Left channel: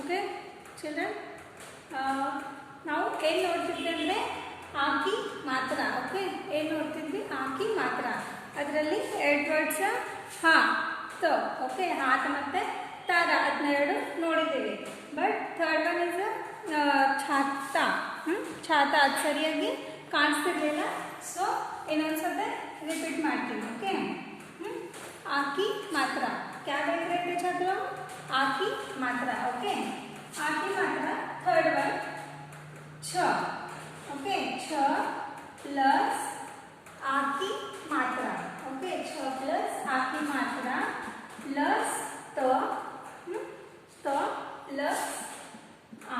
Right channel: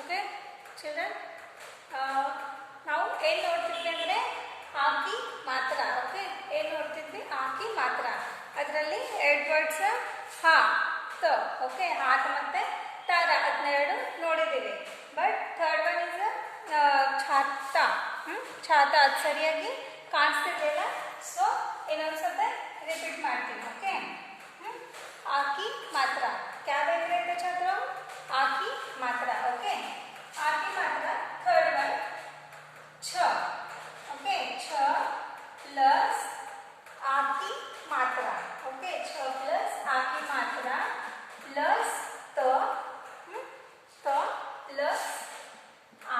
Okay children ನಾವು ಏನು ನೋಡ್ತಿದ್ವಿ ಅಂದರೆ ಆಕಿ ಮಾತ್ರ. ಓಕೆ ಏನು ನೋಡ್ತಿದ್ವಿ? ಆಕಿ ಮಾತ್ರ. ಅದರಲ್ಲಿ ಎರಡು ವರ್ಡ್ಸ್ ಹಾ ತ. ಓಕೆ ಹಾತ್ ಮತ್ತು ತಾರ ಅದನ್ನ ಎರಡು ನೋಡಿದ್ದೀವಿ. ಬಟ್ ಥರ್ಡ್ ಒನ್ ಇಸ್ ಛಾತ. ಛಾತ ಅದು ಸರಿಯಾಗಿ ಕಾಣಿಸ್ತಿರ್ಲಿಲ್ಲ. ಸೊ ಇನ್ನೊಂದ್ಸತೆ ರಿಪೀಟ್ ಮಾಡ್ತೀನಿ. ಓಕೆ आकी मात्रा क्या देख रहे थे छात्रों? आकी मात्रा. ओके आकी मात्रा. थर्ड वन छ. ओके छ प्लस आकी मात्रा. ओके छ प्लस आकी मात्रा प्लस त प्लस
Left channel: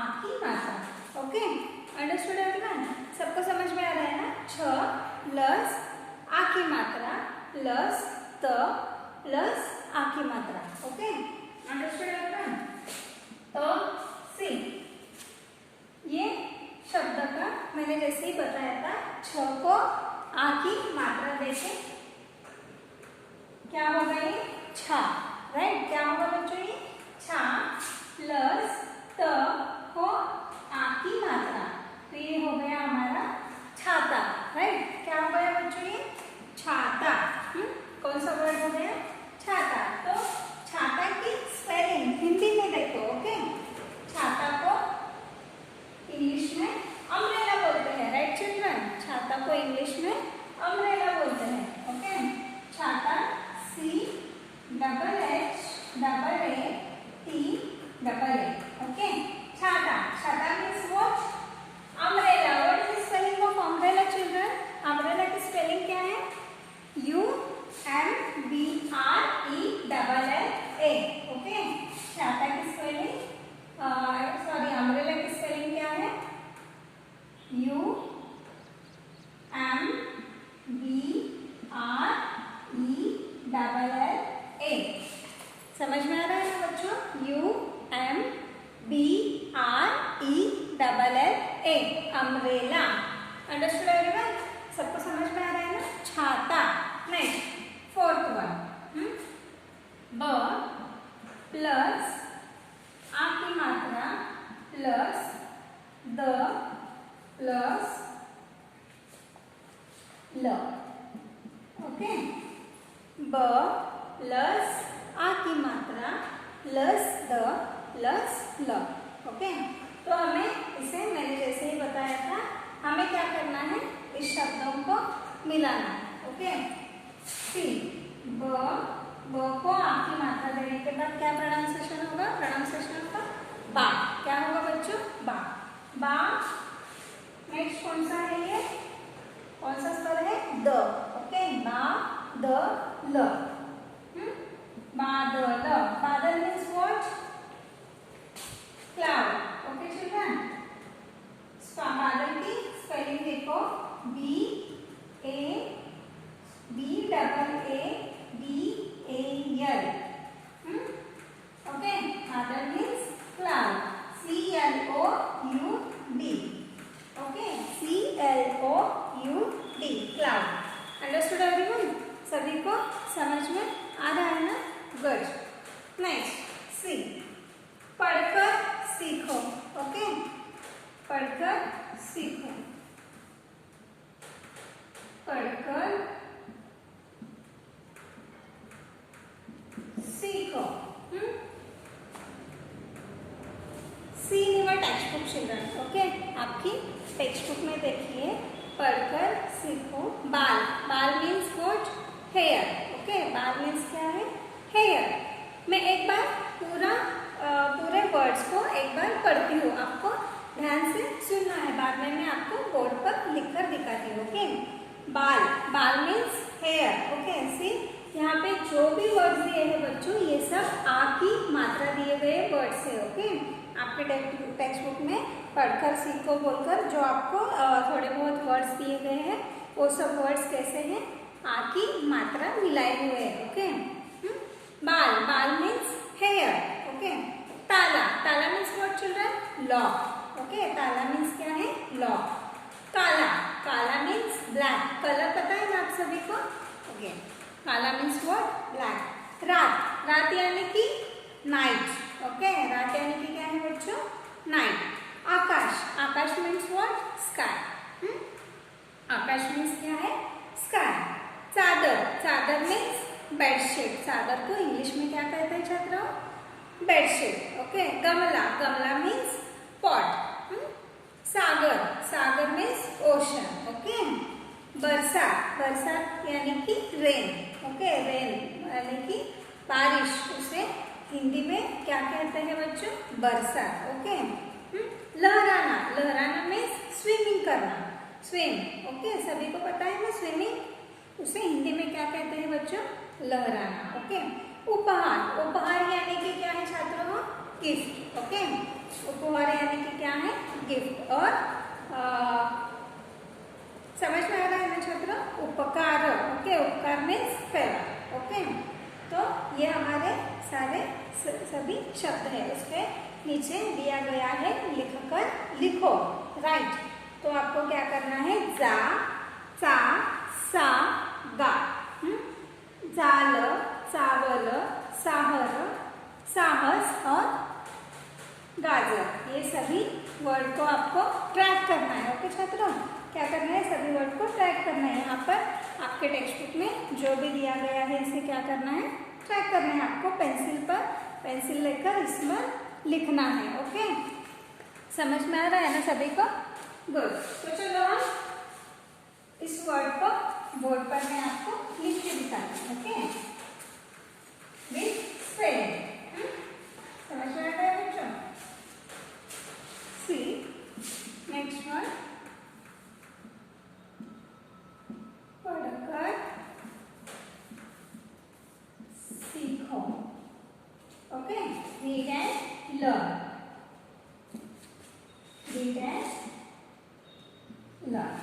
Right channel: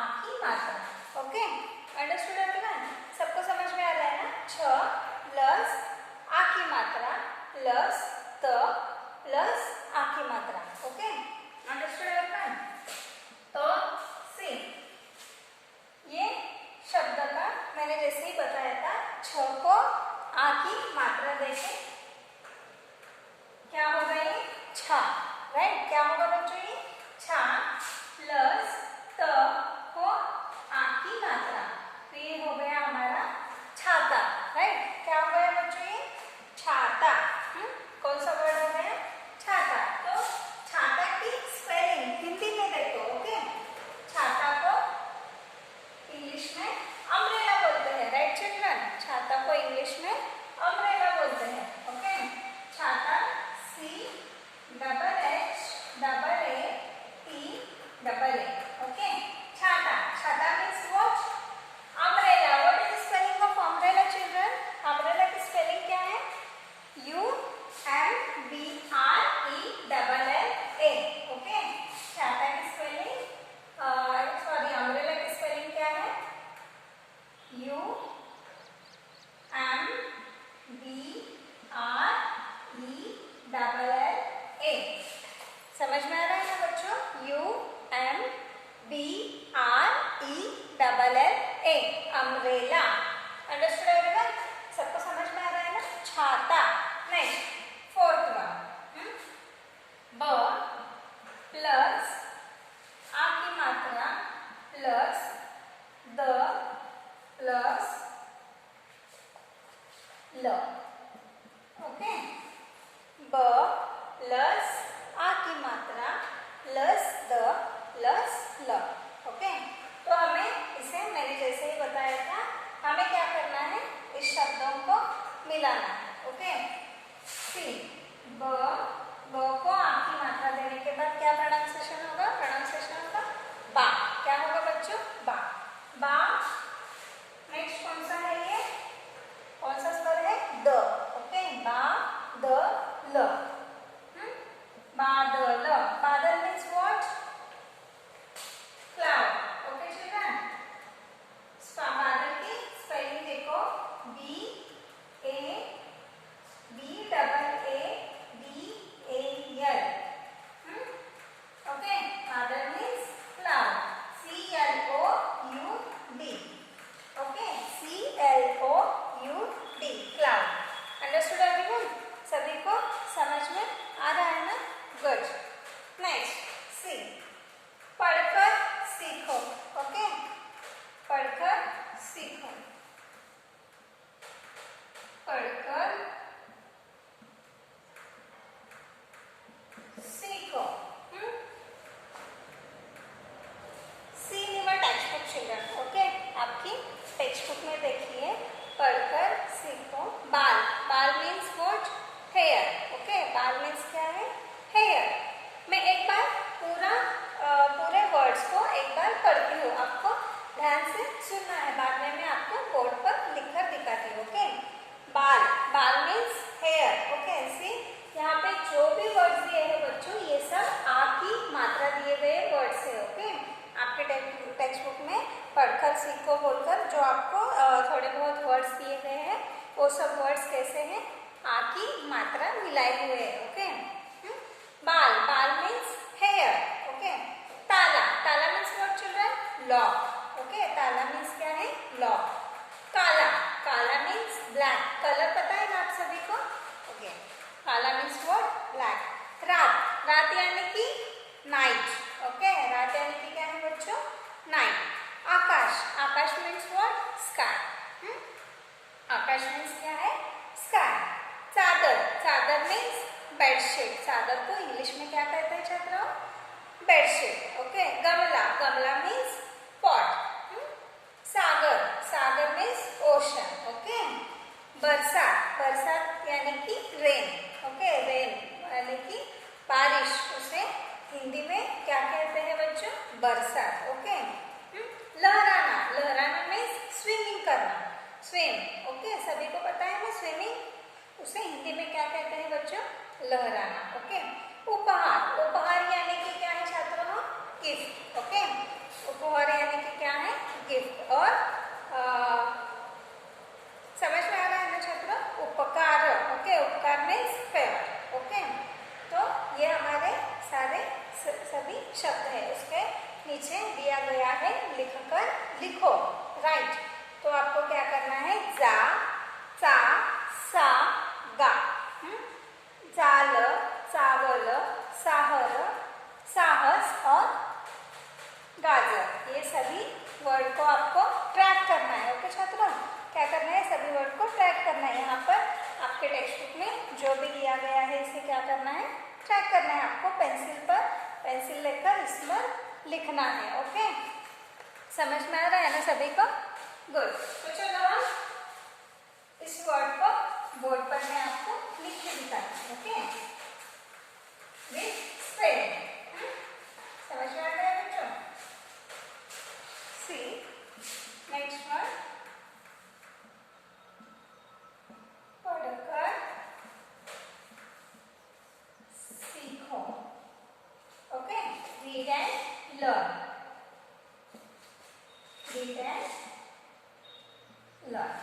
आकी मात्रा. Okay understood everyone? सबको समझ में आ रहा है ना? छ प्लस आकी मात्रा प्लस त प्लस आकी मात्रा. Okay understood everyone? तो सी ये शब्द का मैंने जैसे ही बताया था, छ को आकी मात्रा देके क्या होगा? ये छा. राइट? क्या होगा बच्चों? ये छा प्लस त को आकी मात्रा. तो ये हो गया हमारा छाता. राइट? क्या हो गया बच्चों? ये छाता. कौन सा वर्ड हो गया? छाता. तो छाता की स्पेलिंग हिंदी में देखो. ओके छाता को इंग्लिश में अम्ब्रेला बोलते हैं. Right children? छाता को इंग्लिश में अम्ब्रेला बोलते हैं. ओके छाता C double A T double A. Okay छाता. छाता means what? Umbrella. What is spelling of umbrella children? Umbrella की स्पेलिंग क्या है? UMBRELLA. ओके छाता की स्पेलिंग सॉरी अम्ब्रेला की स्पेलिंग क्या है? UMBRELLA. समझ में आ रहा है ना बच्चों? UMBRELLA umbrella. Understood everyone? सबको समझ में आ रहा है ना? छाता. नेक्स्ट फोर्थ वन ब प्लस आ की मात्रा प्लस द प्लस ल. ओके ब प्लस आ की मात्रा प्लस द प्लस ल. ओके तो हमें इसे मैंने जैसे ही बताया था, हमें क्या करना है? इस शब्दों को मिलाना है. ओके सी ब को आपकी मात्रा देने के बाद क्या प्रोनाउंसिएशन होगा? प्रोनाउंसिएशन का बा. क्या होगा बच्चों? बा. बा. नेक्स्ट कौन सा है? ये कौन सा स्वर है? द. ओके बा द ल. बादल. बादल means what? Cloud. Okay children? बादल की स्पेलिंग देखो BADL. ओके बादल means cloud. CLOUD. Okay CLOUD cloud. Understood everyone? सभी को समझ में आ रहा है ना? गुड. नेक्स्ट सी पढ़कर सीखो. ओके पढ़कर सीखो. पढ़कर सीखो. सी इन टेक्स्ट बुक चिल्ड्रन. ओके आपकी टेक्स्ट बुक में देखिए पढ़कर सीखो. बाल. बाल मीन्स व्हाट? हेयर. ओके बाल मीन्स क्या है? हेयर. मैं एक बार पूरे वर्ड्स को एक बार पढ़ती हूँ. आपको ध्यान से सुनना है. बाद में मैं आपको बोर्ड पर लिखकर दिखाती हूँ. ओके बाल. बाल मीन्स हेयर. ओके सी यहाँ पे जो भी वर्ड्स दिए हैं बच्चों, ये सब आ की मात्रा दिए गए वर्ड्स है. ओके आपके टेक्स्ट बुक में पढ़कर सीखो बोलकर जो आपको थोड़े बहुत वर्ड्स दिए गए हैं, वो सब वर्ड्स कैसे हैं? आ की मात्रा मिलाए हुए हैं. ओके बाल. बाल मीन्स हेयर. ओके ताला. ताला means what children? Lock. Okay ताला मीन्स क्या है? लॉक. काला. काला मीन्स ब्लैक. कलर पता है ना आप सभी को? ओके काला मीन्स व्हाट? ब्लैक. रात. रात यानी कि नाइट. ओके रात यानी कि क्या है night. Akash, Akash means what? Sky. Akash means क्या है? स्काई। चादर, चादर मीन्स बेडशीट। चादर को इंग्लिश में क्या कहते हैं छात्रों? बेडशीट। ओके। गमला, गमला मीन्स पॉट। सागर, सागर मीन्स ओशन। ओके। बरसात, बरसात यानी कि रेन। ओके, रेन यानी कि बारिश। उसे हिंदी में क्या कहते हैं बच्चों? बरसात। ओके। लहराना, लहराना मीन्स स्विमिंग करना, स्विम। ओके, सभी को पता है ना स्विमिंग। उसे हिंदी में क्या कहते हैं बच्चों? लहराना। ओके। उपहार, उपहार यानी कि क्या है छात्रों? गिफ्ट। ओके। उपहार यानी कि क्या है? गिफ्ट। और समझ में आ रहा है ना छात्रों? उपकार। ओके, उपकार मीन्स फेवर। ओके। तो ये हमारे सारे सभी शब्द है। उसके नीचे दिया गया है, लिखकर लिखो। राइट। तो आपको क्या करना है? जा, चा, सा, गा। जाल, चावल, साहर, साहस और गाजर। ये सभी वर्ड को आपको ट्रैक करना है। ओके छात्रों, क्या करना है? सभी वर्ड को ट्रैक करना है। यहाँ पर आपके टेक्स्ट बुक में जो भी दिया गया है इसे क्या करना है? ट्रैक करना है। आपको पेंसिल पर पेंसिल लेकर इस पर लिखना है। ओके, समझ में आ रहा है ना सभी को? गुड। तो चलो हम इस वर्ड को बोर्ड पर मैं आपको लिख के दिखाती हूँ। Okay, with spelling. समझ में आ रहा है बच्चों? सी नेक्स्ट वर्ड, पढ़कर सीखो। Okay, read and learn. Read and learn.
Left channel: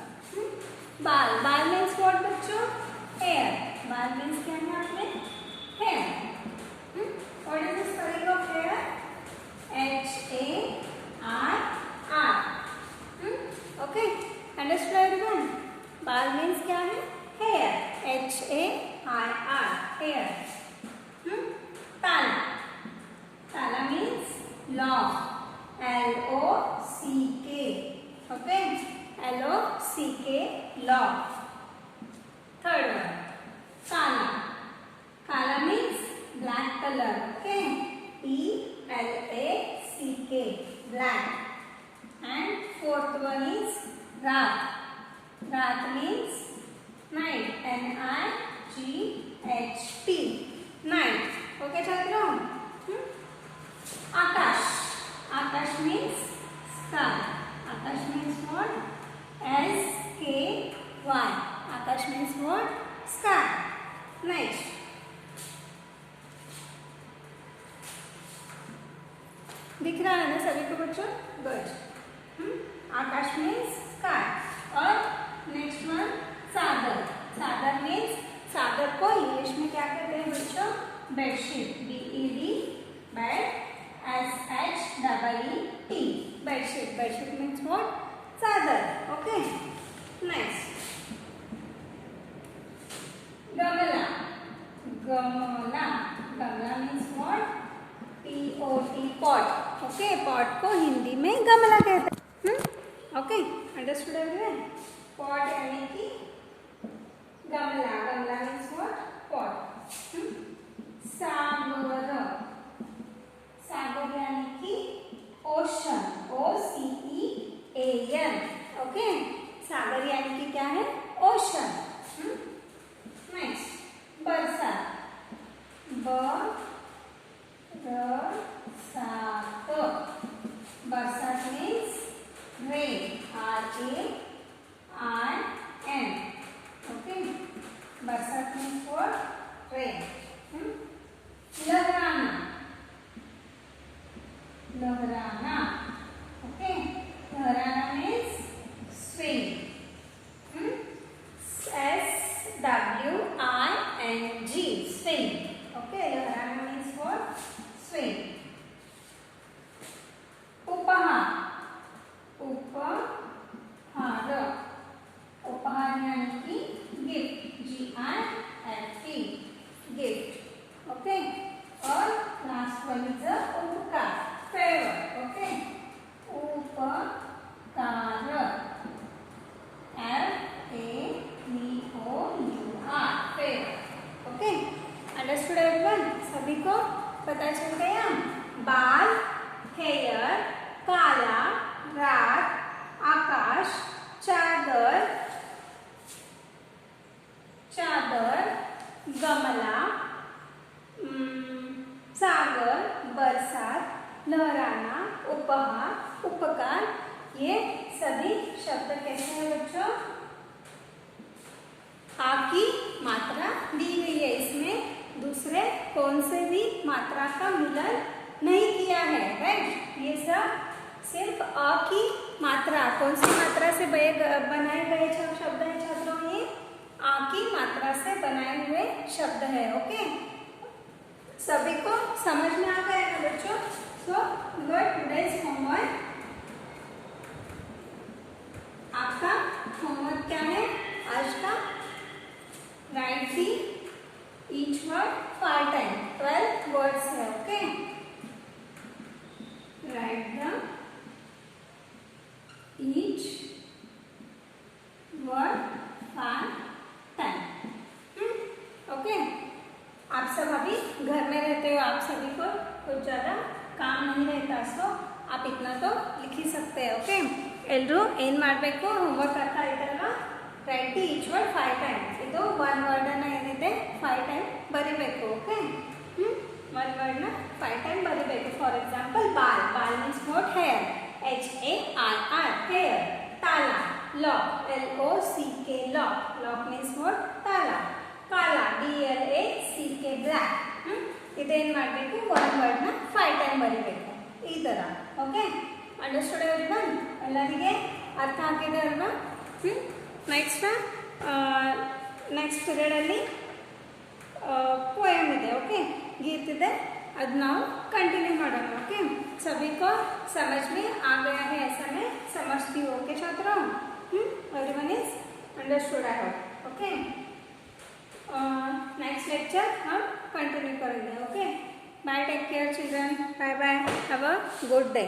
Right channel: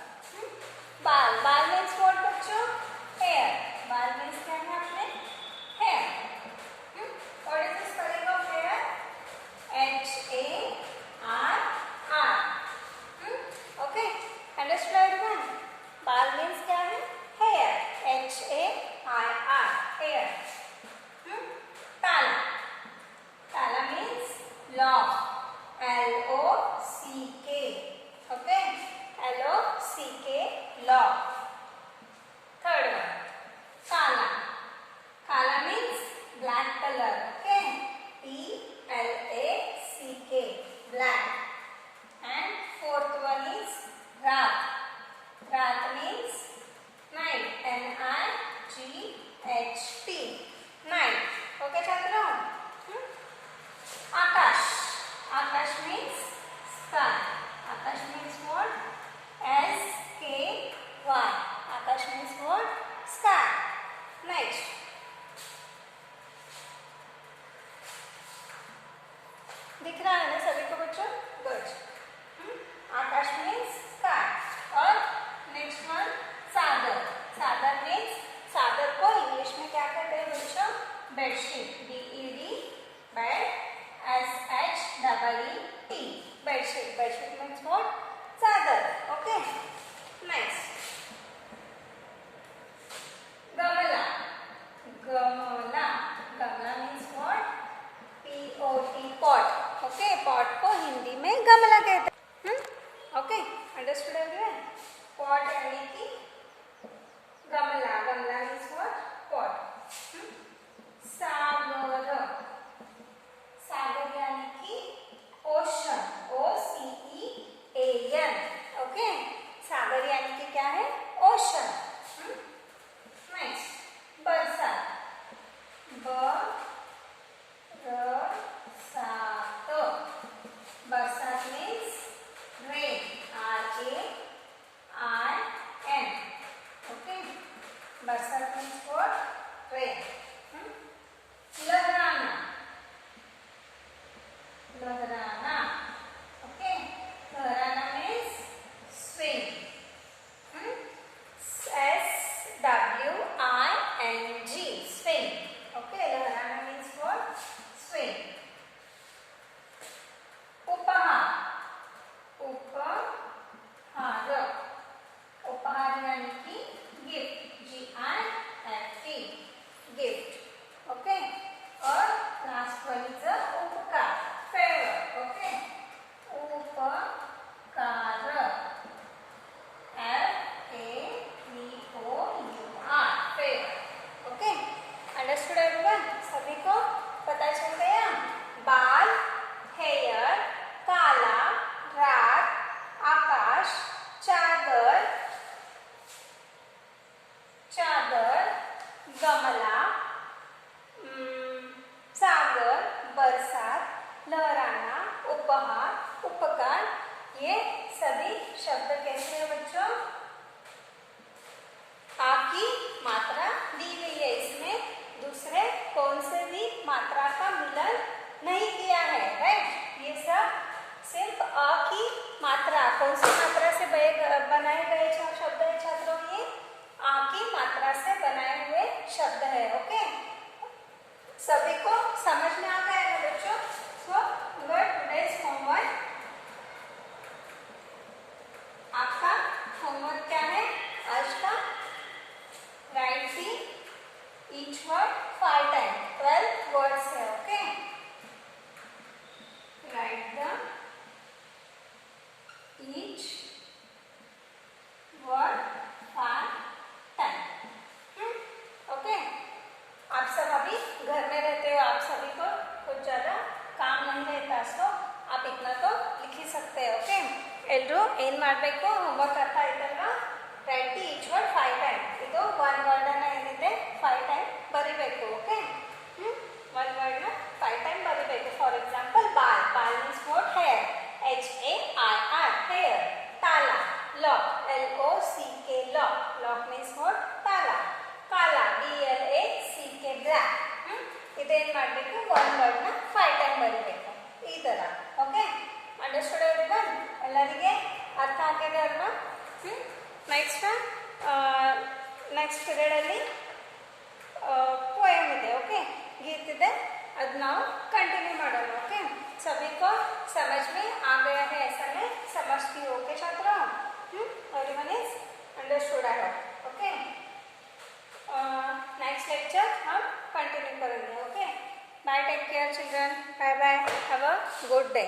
बाल, बाल मीन्स व्हाट बच्चों? हेयर। बाल मीन्स क्या है आपने? Hair. What is the spelling of hair? HARR। Okay, understood everyone? बाल मीन्स क्या है? हेयर। HARR, hair. ताला, ताला मीन्स लॉक। LOCK। ओके, LOCK, लॉक। थर्ड वन, काला, काला means black colour. Okay, BLACK, black. And fourth one is रात, रात means night, NIGHT, night. Okay छात्रों? आकाश, आकाश means sky. Akash means what? SKY. Akash means what? Sky. Next. दिख रहा है ना सभी को बच्चों? गुड। आकाश मीन्स स्काई। और नेक्स्ट वन, सागर। सागर मीन्स, सागर को इंग्लिश में क्या कहते हैं बच्चों? Bedsheet. BED, bed, SHEET, bedsheet. Bedsheet means what? चादर। ओके, नेक्स्ट, गमला, गमला, गमला means what? POT, pot. Okay, pot को हिंदी में गमला कहते हैं। Okay, understood everyone? पॉट यानी कि गमला, गमला मीन्स व्हाट? पॉट। सागर, सागर यानी कि ओशन। OCEAN। ओके, सागर यानी कि क्या है? ओशन। नेक्स्ट, बरसात, बरसात, बरसात मीन्स रेन। RAIN। ओके, बरसात मीन्स व्हाट? रेन। लहराना, लहराना। ओके, लहराना means swing. SWING, swing. Okay, लहराना मीन्स व्हाट? स्विंग। उपहार, उपहार, उपहार यानी कि गिफ्ट। GIFT, gift. ओके, और लास्ट वन इज उपकार, फेवर। ओके, लहराना, उपहार, उपकार, ये सभी शब्द कैसे हैं बच्चों? आ की मात्रा दी हुई है, इसमें दूसरे कौन से भी मात्रा का मिलन नहीं किया है, राइट। ये सब सिर्फ अ की मात्रा, कौन सी मात्रा से बनाए गए शब्द है छात्रों? ये आ की मात्रा से बनाए हुए शब्द है। ओके, सभी को समझ में आ गया है बच्चों? सो टुडेज होमवर्क, आपका होमवर्क क्या है आज का? Write the each word 5 time, 12 words है। Okay, write the each word 5 time. Okay, आप सब अभी घर में रहते हो, आप सभी को कुछ ज्यादा काम नहीं रहता, सो आप इतना तो लिख ही सकते हैं। ओके, एल्रू ಏನ್ ಮಾಡಬೇಕು? ಹೋಮ್ವರ್ಕ್ ಅರ್ಥ ಆಯ್ತಲ್ವಾ? Right the each word 5 time. ಇದು ಒನ್ ವರ್ಡ್ ಅನ್ನ ಏನಿದೆ 5 ಟೈಮ್ ಬರಿಬೇಕು. ಓಕೆ, ಒನ್ ವರ್ಡ್ ನ 5 ಟೈಮ್ ಬರಿಬೇಕು. ಫಾರ್ ಎಕ್ಸಾಂಪಲ್ ಬಾಲ್, ಬಾಲ್ means what? Hair, HAIR, hair. ತಾಲ, lock, LOCK, lock, lock means what? ತಾಲ. ಕಾಲ, BLACK, ಬ್ಲ್ಯಾಕ್. ಇದೇನ್ ಮಾಡಬೇಕು? ಒನ್ ವರ್ಡ್ ನ 5 ಟೈಮ್ ಬರಿಬೇಕು ಈ ತರ. Okay, understood everyone? ಎಲ್ಲರಿಗೆ ಅರ್ಥ ಆಗಿದೆ ಅಲ್ವಾ? ನೆಕ್ಸ್ಟ್ ಪೀರಿಯಡ್ ಅಲ್ಲಿ पोएम ಇದೆ. ओके, गीत ಇದೆ, ಅದು ನಾವು कंटिन्यू ಮಾಡೋಣ. ओके, सभी को समझ में आ गया है ऐसा मैं समझती हूँ. ओके छात्रों, everyone is understood I hope. Okay, next lecture हम कंटिन्यू करेंगे. Okay, bye, take care children, bye bye, have a good day.